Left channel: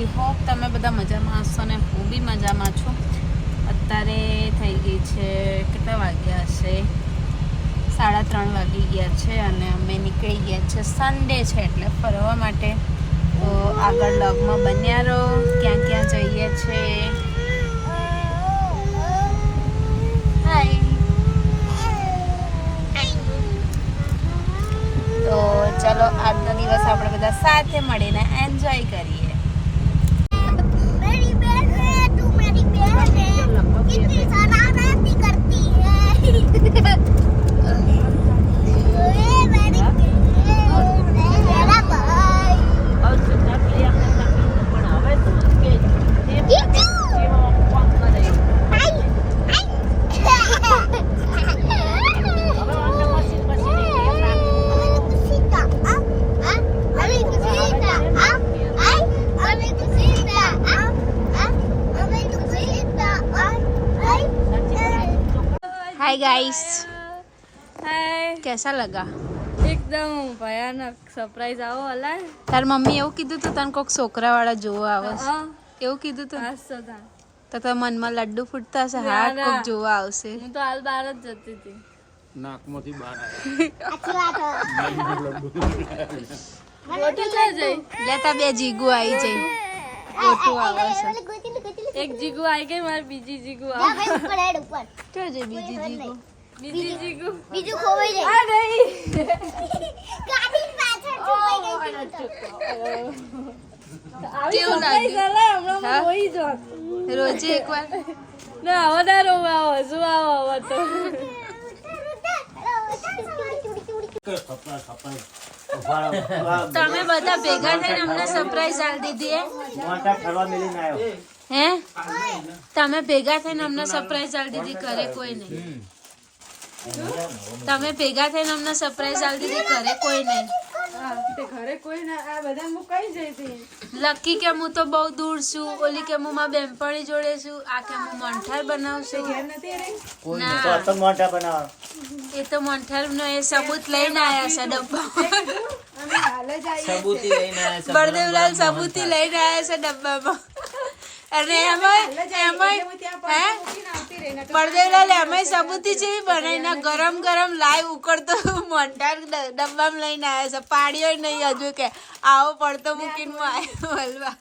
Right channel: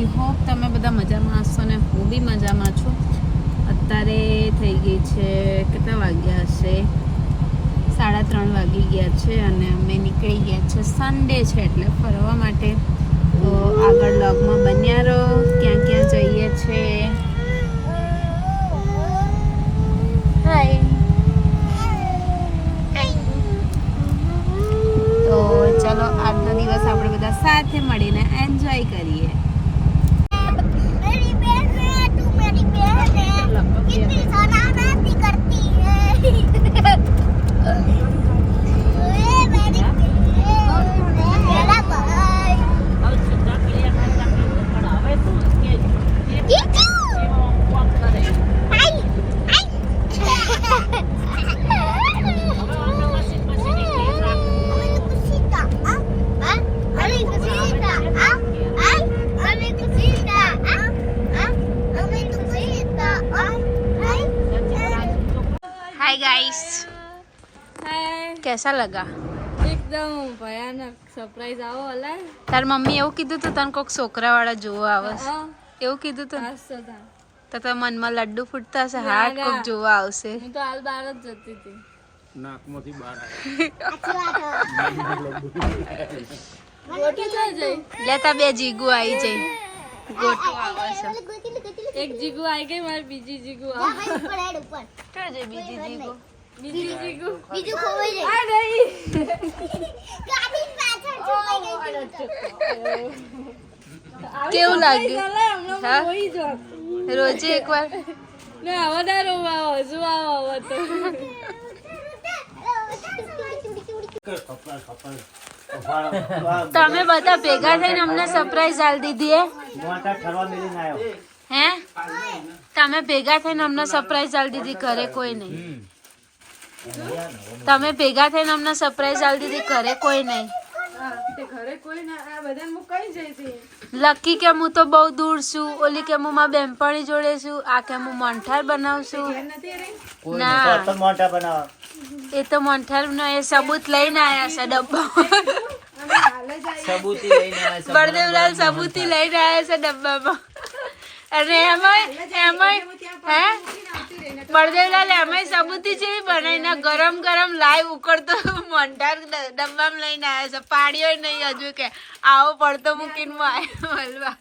I hope તમે બધા મજામાં હશો ને હું બી મજામાં છું. અત્યારે થઈ ગઈ છે કેટલા વાગ્યા હશે 3:30 વાગી ગયા છે અને અમે નીકળી ગયા છે. સન્ડે છે એટલે ફરવા માટે. તો આગળ વ્લોગમાં બન્યા રહો. ક્યાં ક્યાં જઈએ છે. તો ચલો આજનો દિવસ આપણે બધા સાથે મળીને એન્જોય કરીએ. हाय गाइस, हाय, कैसा लगा? एकदम भयानक सरप्राइज आओ वाला है. તાર મમ્મી એવું કીધું તું તને કોક છોકરા વાળા જોવા આવે છે હા, એવું કીધું તું આજ તો था. તો તાર મનમાં લડ્ડુ ફૂટતા હશે. ના, હા ના. કોક જોવા આવશે. હું તો હાલ બહાર જ જતી હતી. નાકમાંથી બહાર આવ્યા. ગોટું છે જઈ. લેતા બે જીગુ આવી જઈ. ગોટું આવે છે. એક જીગુ આવી ગઈ, મારી બીજી જીગુ આવે. તો જે બીજી જીગુ બીજી જીગુ બીજું ખોવાઈ જાય. આ નહીં. ગાડી પાછળ છુપાઈ ગઈ કેવું લાગ્યું? ચાલે હમણાં હા? હું રોઈ જાત. રોજે એકવાર ના હવે ના રોવા આવો, શું આવો હવે તો. તમે બધા ભેગા થઈને અમને સરપ્રાઈઝ આલ દીધી હે તમે ભેગા થઈને અમને સરપ્રાઈઝ આલ દીધી. ઘરે કોઈ નહીં. તમે ભેગા થઈને અમને સરપ્રાઈઝ આલ દીધી. ઘરે કોઈ નહીં. હા, તે ઘરે કોઈ ના, આ બધા મુકાઈ જાય છે. લકી કે હું તો બહુ દૂર છું. ઓલી કે હું મારા બેનપણી જોડે છું. આ કે હું મોન્ઠાર બનાવશું. ઘેર નથી રહી. ના એ તો મોન્ઠાર નો એ સબૂત લઈને આયા છે ડબ્બા. અમે હાલ જ આવી. બળદેવલાલ સબૂતી લઈને આયા છે ડબ્બામાં. અને એમાં હે બળદેવલાલ એમાં સબૂતી જેવી બનાવીને ગરમ ગરમ લાઈવ ઉકળતો મોન્ટાર ડબ્બામાં લઈને આવ્યા છે. પાડ્યો નહીં હજુ કે આવો પડતો મૂકીને હું આવ્યો હલવા.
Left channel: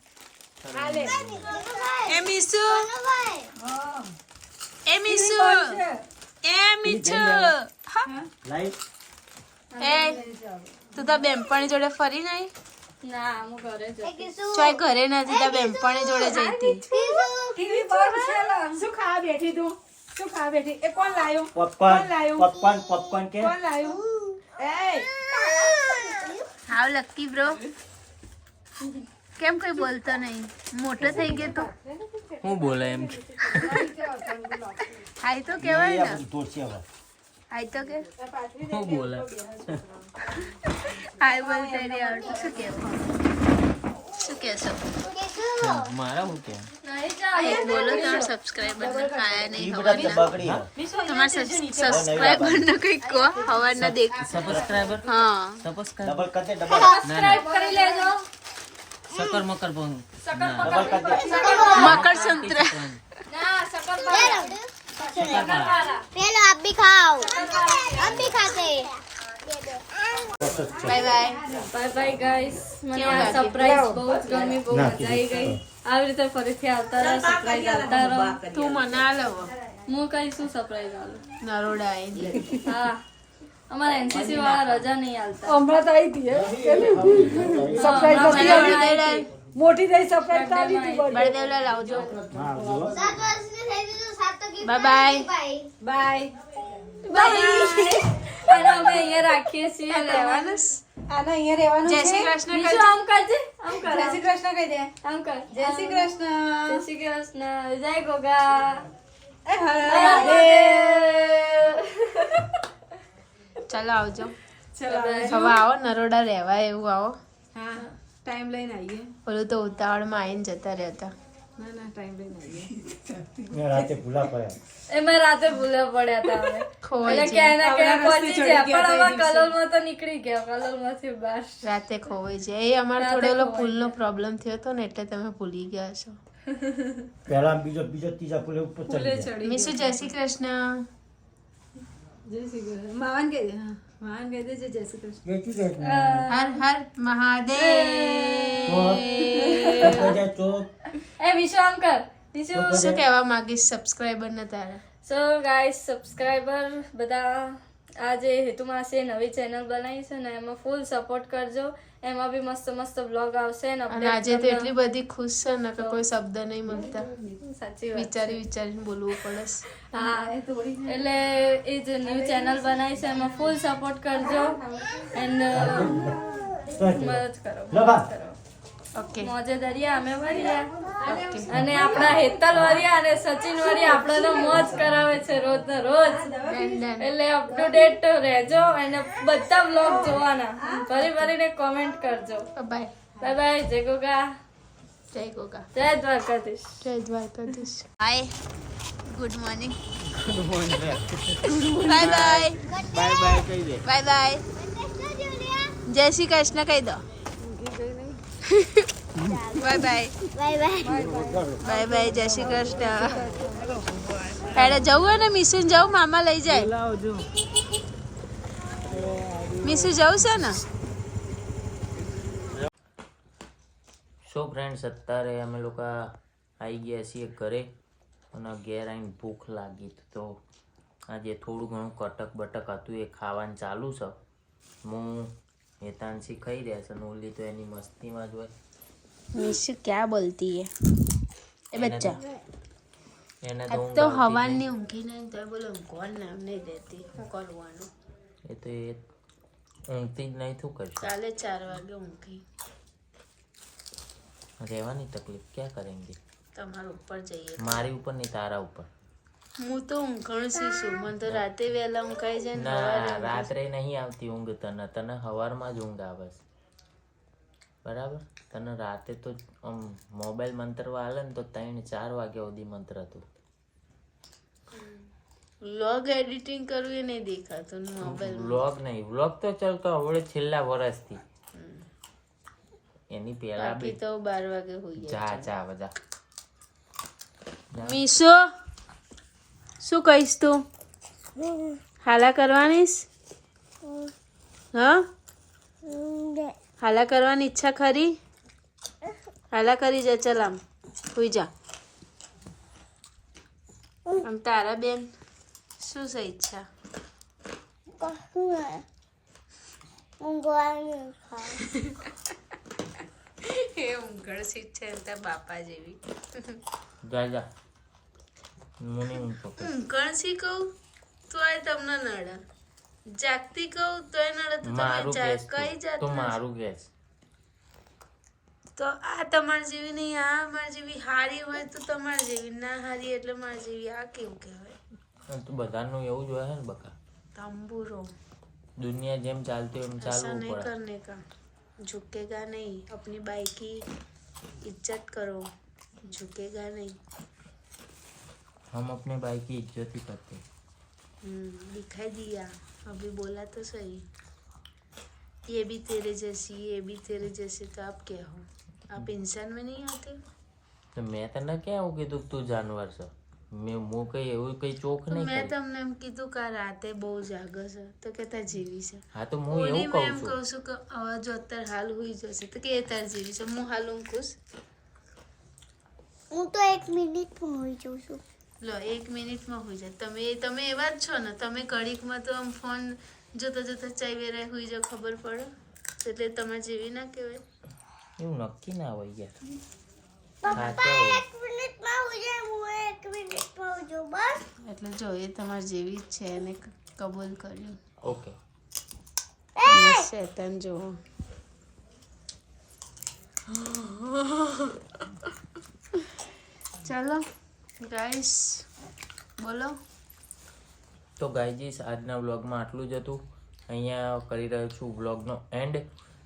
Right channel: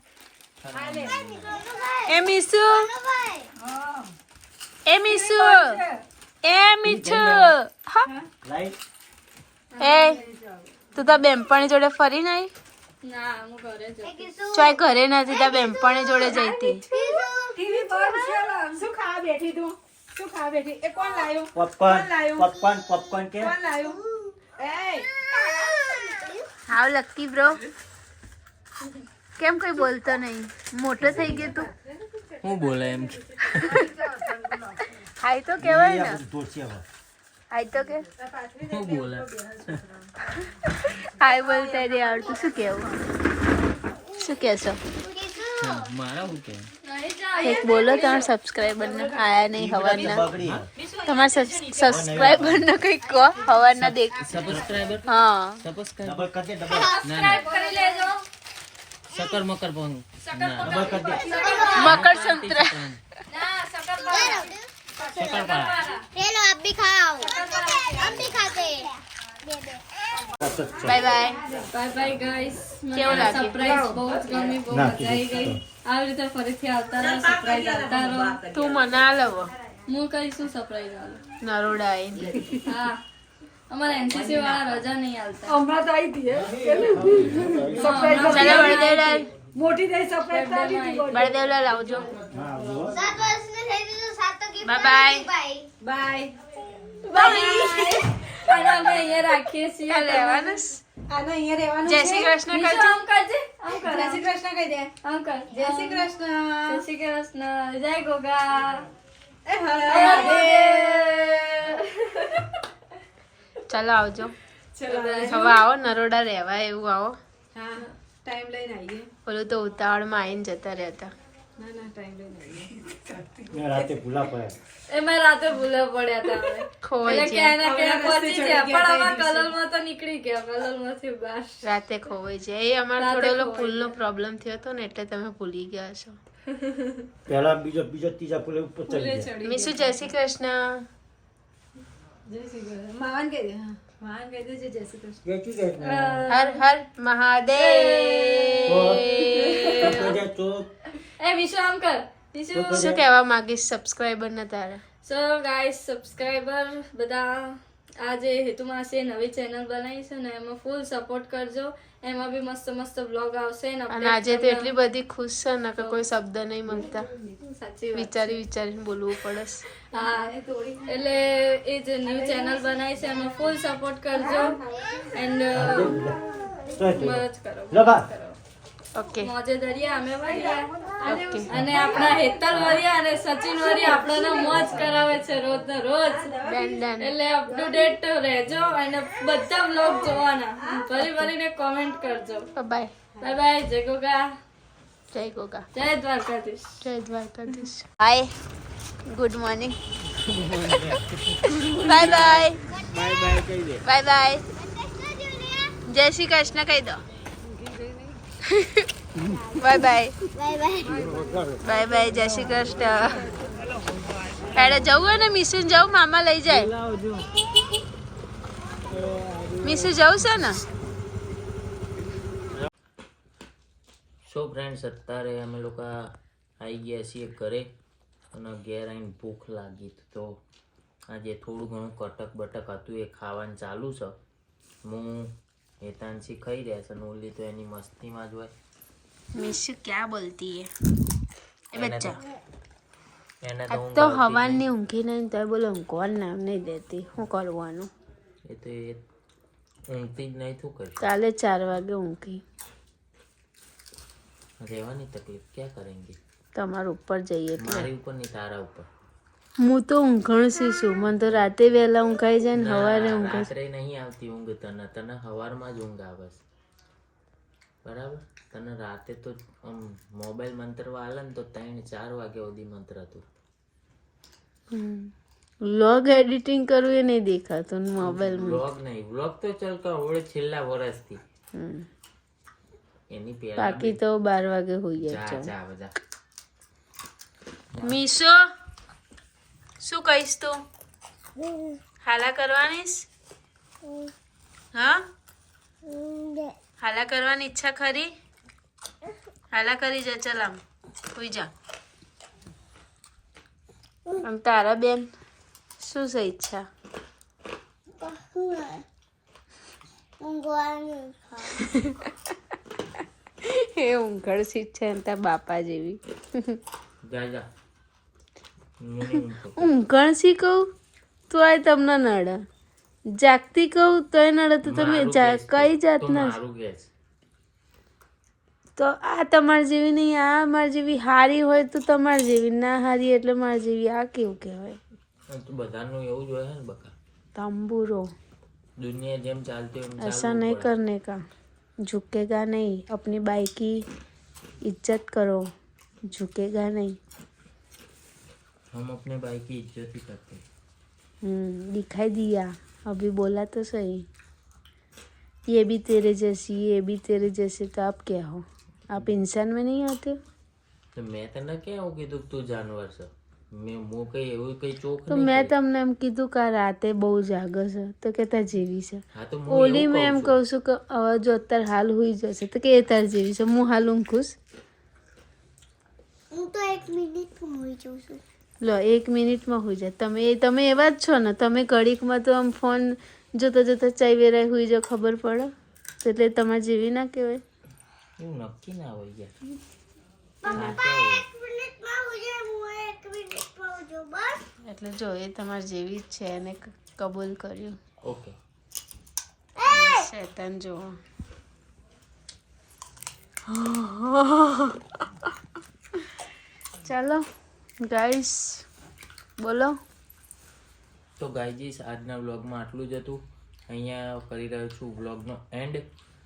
એ મીસુ એ મીસુ એ મીઠુ એ તું તો બેનપણી જોડે ફરી નહીં? ના, હું ઘરે જ હતી. ચોય ઘરે નથી. તાર બેનપણી જોડે જઈતી. ટીવી પર છે. શું ખાવા બેઠી તું? શું ખાવા બેઠી? એ કોણ લાયું? પોપકોર્ન કોણ લાયું? પોપકોર્ન કે કોણ લાયું? એ હાવ લકી બ્રો. કેમ કઈ બોલતો નહીં? મોટો થઈ ગયો તું. હું બોલે એમ હાય તો કેવાય ને. ધોશે હવે. હાય તો કે હું બોલે હાય બોલતા નહીં આવડતું. શું કેવું? શું કહેશો? મારા હું કે એક બોલો. તમારા સબસ્ક્રાઈબર ને આયા નહીં હવારના. બગડી તમારા સબસ્ક્રાઈબર ને કઈ કહો હવારના દેખ. સબસ્ક્રાઇબર હા સબસ્ક્રાઇબર ડબલ કરી દે ડબલ ના ના સકર મકર પણ ના ડબલ કરી દે. મકર સંક્રાંતિ. સકરપારા चलो आप भी खाओ. हम भी खाते हैं. By bye. Bye bye guys. મને કેવું આ લાગ્યું? સરપ્રાઈઝ બહુ જ ગમી, બહુ મજા આવી ગઈ. આવી રીતે ફરીથી આવતા રહો, સરપ્રાઈઝ આપતા રહો. તું મને આ લવો હું કઈ શું સરપ્રાઈઝ આલું? નરોડા આવીને. હા, અમારા એનસીસી વાળા રજા નહીં આલતા. ચાલો બળદેવલાલ. બળદેવલાલ આવજો. હા જો 7 વર્ષની થઈ ગઈ તો 7 તક બાય બાય. બાય. અને અમે અહીંયા રાખીએ છીએ. લેવાનું જય શ્રી કૃષ્ણ બીજું કરજો. આમ કરજે, આમ કર. જય શ્રી કૃષ્ણ કહી દે. આમ કર. જય શ્રી કૃષ્ણ. જય શ્રી કૃષ્ણ. જય ગોગા. એ હરે. ચાલો આવજો. હવે આવો નરોડા રહેવા એવું આવો. હા, ટાઈમ લઈને આવી ગયો. ઓલું તો ઉતાવળમાં આવીને જતા રહેતા. ના ના ટાઈમ લઈને આવીએ. મેં રાતે ભૂલા પડ્યા. એમાં રાતે ભૂલા પડ્યા હતા અમે ખોવાઈ એટલે ક્યાંય ના ક્યાંય પહોંચી ગયા પણ આમાં કલોલમાં તો નીકળી ગયા કલોલમાંથી બહાર રાતે ખોવાઈ જાય એ અમારો થોડો ઓલો પુલનો પ્રોબ્લેમ થયો હતો ને એટલે તમે ભૂલી ગયા છો. પહેલા બીજો ત્રીજા પુલે ઉપર ચડી ગયા. મીસુ જય શ્રી કૃષ્ણ. જય શ્રી કૃષ્ણ. માવાને કહી દે. હા માવાને કહી દેજે જય શ્રી કૃષ્ણ. જય શ્રી કૃષ્ણ. હર હર મહાદેવ. ચોક એ વિશ્રામ કર વિશુ શું કહેવા માંગીશ સબસ્ક્રાઇબર ને તારા? સો ગાઈસ સબસ્ક્રાઇબર બધા આ જે હેતુમાસીએ નવી ચેનલ બનાવી છે ને એમાં ફૂલ સપોર્ટ કરજો. એમાં બી મસ્ત મસ્ત બ્લોગ આવશે ને અને આજે તો એટલી બધી ખુશ છે ને કે કોઈ શબ્દ નહીં મળતા. સાચી વાત વિચારીને બોલવું પડે છે. હા એટલે એ જે ન્યૂ ચેનલ બનાવી છે એમાં ફૂલ સપોર્ટ કરજો એન્ડ મદદ કરો ઓકે મોજે દરિયા અમે વરિયા ઓકે. અને આપણા હેતલ વરિયા અને સચિન વરિયા આપણને મોજ કરાવે છે રોજ ને રોજ ડન ડન. એટલે અપ ટુ ડેટ રહેજો અને બધા બ્લોગ જોવાના ભરીને કોમેન્ટ કરજો. બાય બાય બાય જય ગોગા જય ગોગા જય દ્વારકાધીશ જય Dwarkadhish. Hi good morning. Bye bye bye કહી દે. Bye bye. જય શ્રી કૃષ્ણ કહી દો. Bye bye bye bye bye bye. જય શ્રી કૃષ્ણ. તારે જવું હોય ને મીસુ જવું મામા લઈ જાય. મીસુ જવું છે ને? સો ફ્રેન્ડ્સ અત્યારે અમે લોકો આવી ગયા છીએ ઘરે અને ઘેર આવીને ભૂખ લાગી તો આજે થોડું ઘણું કટક બટક હતું એ ખાવાનું ચાલુ છે. હું હેતાંશી ખાઈ રહ્યા છે અને ઓલી તો એની મસ્તીમાં જ હોય. मीशु क्या बोलती है ए बच्चा? એને आज तो हवानी ऊँघी नहीं तो बोलो कौन नाम नहीं देती હું કરવાનું? એ તો એ ઊંઘતી જ નહીં શું કરશે. કાલે 4 વાગે ઊંઘી. રહેવાની તકલીફ ક્યાં કરેંગે. તમારા ઉપર જઈએ એટલે. મારી ઉપર નહીં તારા ઉપર. હું તો ઊંઘણ છું. મને તો રાતે વહેલા ઊંઘાઈ જાય ને સવારે ના ઊંઘાય. રાત્રે નહીં આવતી ઊંઘ તને સવારમાં જ ઊંઘ આવે છે બરાબર. તને રાતે તો આમ મોબાઈલ મંતરવા હાલે ને તો 3-4 વાગ્યા સુધી મંત્ર હતું. વ્લોગ એડિટિંગ કરવું એ નહીં દેખાતું મોબાઈલ. વ્લોગ નહીં વ્લોગ તો ચાલતો હવે છેલ્લા વર્ષથી. એની પહેલા બાકી તો 12 વાગે હોઈ જા જાય. જા બધા મીશુ શું કહીશ તું? હાલા કરવાની? હા હાલા કરવાની ઈચ્છા ખરી? હાલા કરી જા. ચાલ આમ હોઈ જા. આમ તારા બેન શું છે ઈચ્છા? એ ઊંઘળ સીટ છે ને તાર બાપા જેવી. જા જા મને ઊંઘ તો ઊંઘણ સી કહું તોય તમને નડે. જાગતી કહું તોય નડે. તો તમે મારું ગેસ કઈ તો જાતના મારું ગેસ તો આ તમારી જેવી નહીં. આ મારી જેવી હારી હોય તો તમારી જેવી, ના હારી એટલે મારી જેવી. આ કેવું કહેવાય? તો બધાનું એવું જ હોય ને બકા. तंबूरो दुनिया જેમ ચાલતી હોય એમ ऐसा ચાલવું नहीं પડે. करने का. झुकेगा नहीं. अपनी बाइक की इज्जत करो. झुकेगा नहीं. हम अपने भाई की इज्जत ही करते हैं. दिखाई दिया अभी बोला तो सही. ये भी तेरे जैसी, ये भी तेरे जैसे. तो आप क्या हो? आप इंसान में नहीं आते? तो मैं તને ક્યાં કીધું તું જાનવર છે? હું કઈ એવું કઈ ચોક તો નહીં મેં કરી. તમને એમ કીધું કે આ રાતે બહુ જાગે છે તો કે તાર જેવી છે. હા તો હું ઓલી એવું મેં એમ કહું કહું છું કે હવે જો અત્યારે હાલ હોઈ જશે તો કે એ તાર જેવી છે. હું હાલ ઊંઘું છું. હું તો 1 મિનિટમાં હોઈ જાઉં છું. લો 1 મિનિટમાં હોઈ જાય. તમે એવા જ છો ને. તમે ઘડીકમાં તો આમ ફોન જોતા જોતા ચાઈ વેરાય હોઈ જાવ ખબર પડે એટલે તમારે જેવી ના કહેવાય. એવું નક્કી ના હોય યાર. સાચા હોય. 1 મિનિટમાં હોઈ જાય, હું 1 મિનિટમાં હોઈ જાઉં બસ. એટલે જો એ તમારી જેવી જ છે એને કબૂલ કર્યું. ઓકે શેતાન જો. ચાલો ગાઈસ બોલો. તો ગાઈજીસ આજના વ્લોગમાં આટલું જ હતું. અહીંયા કરી રહ્યો છું વ્લોગનો એન્ડ.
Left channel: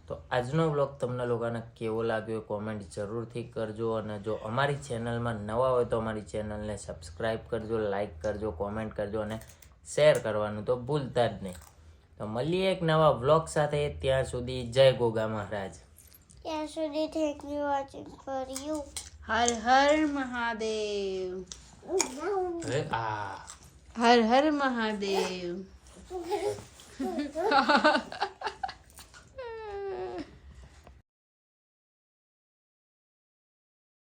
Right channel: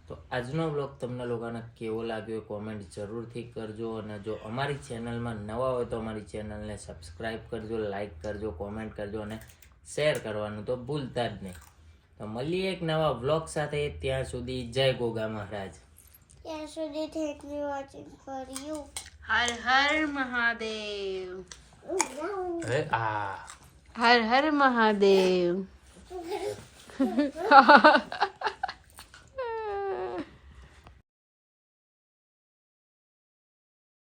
તો આજનો બ્લોગ તમને લોકોને કેવો લાગ્યો કોમેન્ટ જરૂરથી કરજો, અને જો અમારી ચેનલમાં નવા હોય તો અમારી ચેનલને સબસ્ક્રાઈબ કરજો, લાઈક કરજો, કોમેન્ટ કરજો અને શેર કરવાનું તો ભૂલતા જ નહીં. તો મળીએ એક નવા બ્લોગ સાથે. ત્યાં સુધી જય ગોગા મહારાજ. ત્યાં સુધી thank you watching for you. Har Har Mahadev. અરે આ હર હર મહાદેવ.